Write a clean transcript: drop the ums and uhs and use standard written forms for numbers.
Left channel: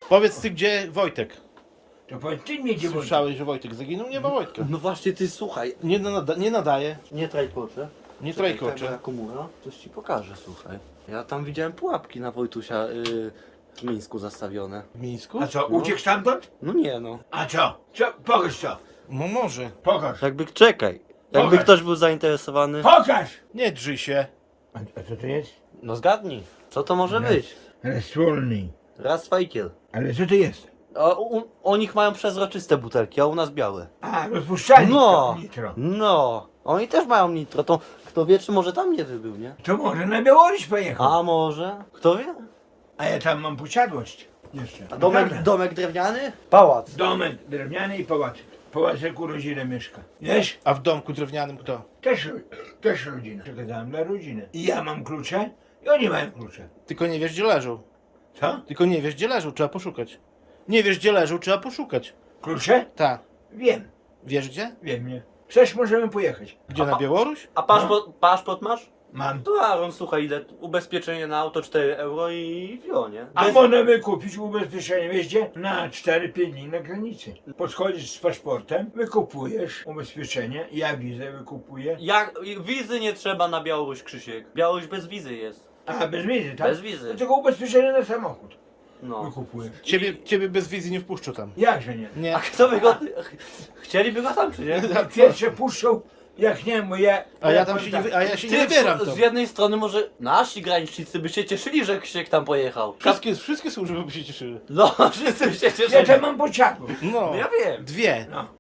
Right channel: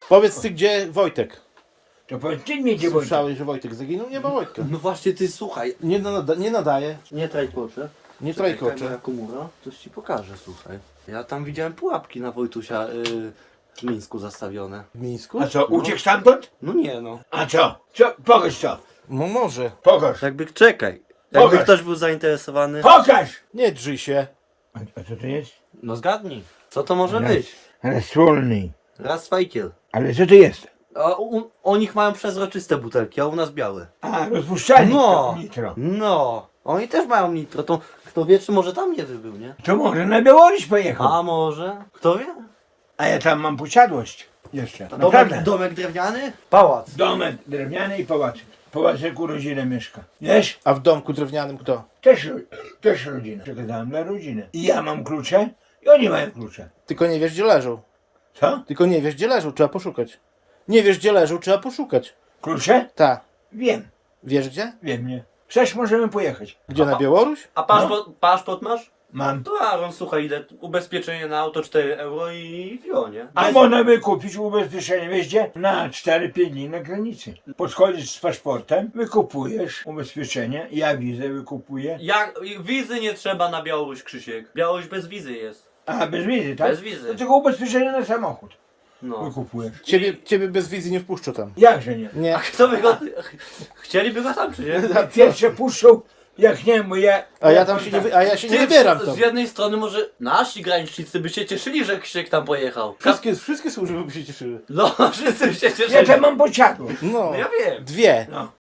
Powiedz ty, gdzie Wojtek? To powiedz ty mnie, gdzie Wojtek. Słyszałeś, że Wojtek zaginął? Nie ma Wojtka. No właśnie ty słuchaj. Nie nadaje, Nie trajkłocze. nie trajkocze. Komura, coś ci pokażę, słuchaj. Ja tam widziałem pułapki na Wojtusia w Mińsku zastawione. W Mińsku? A co, uciekł stamtąd? No nie no. A co? Co? Pokaż co. No może. Pokaż. Jakby czekaj. Jakby Pokaż. ktoś był zainteresowany. Pokaż! Nie drzyj się. A co to jest? No zgadnij. Co to może Raz. być? Słolny. Raz fajkiel. Ale co to jest? O nich mają przezroczyste butelki, a u nas białe. A, rozpuszczalnik No. to nitro. No. Oni też mają nitro. To kto wie, czy może tam nie wybył, nie? To może na Białoruś pojechał. A może? Kto wie? A ja tam mam posiadłość. Jeszcze. A Naprawdę. domek drewniany? Pałac. Domek drewniany i pałacyk. Pałacyk u rodziny mieszka. Wiesz? A w domku drewnianym kto? Też rodzina. Przekazałem dla rodziny. I ja mam klucze i oni mają klucze. Tylko nie wiesz, gdzie leżą. Co? Tylko nie wiesz, gdzie leżą, trzeba poszukać. Nie wiesz, gdzie leżą, trzeba poszukać. Klucze? Ta. Wiem. Wiesz gdzie? Wiem, nie. Chcesz, możemy pojechać. Gdzie, na Białoruś? A paszport masz? Mam. To Aaron, słuchaj, ile ubezpieczenie na auto 4 euro i wio, nie? A Bez- można by kupić ubezpieczenie, wiesz gdzie? Na 4-5 dni na granicy. Podchodzisz z paszportem, wykupujesz ubezpieczenie, ja wizę wykupuję. Jak, wizy nie trzeba na Białoruś, Krzysiek. Białoruś bez wizy jest. A, bez wizy, tak? Bez wizy. To tylko ubezpieczenie na samochód No. wykupujesz. Ciebie bez wizji nie wpuszczą tam. Jakże nie? Nie. Kto by go... Chcieliby go tam, czy nie? Pierwsze puszczą, jak nie, bo ja... A ja się nie wybieram tam. Z jednej strony może nasi granicznicy by się cieszyli, że Krzysiek tam pojechał. Wszystkie służby by się cieszyły. No, wszyscy by się cieszyli. Ja tam mam posiadłość. No. Ja wiem. Dwie. No.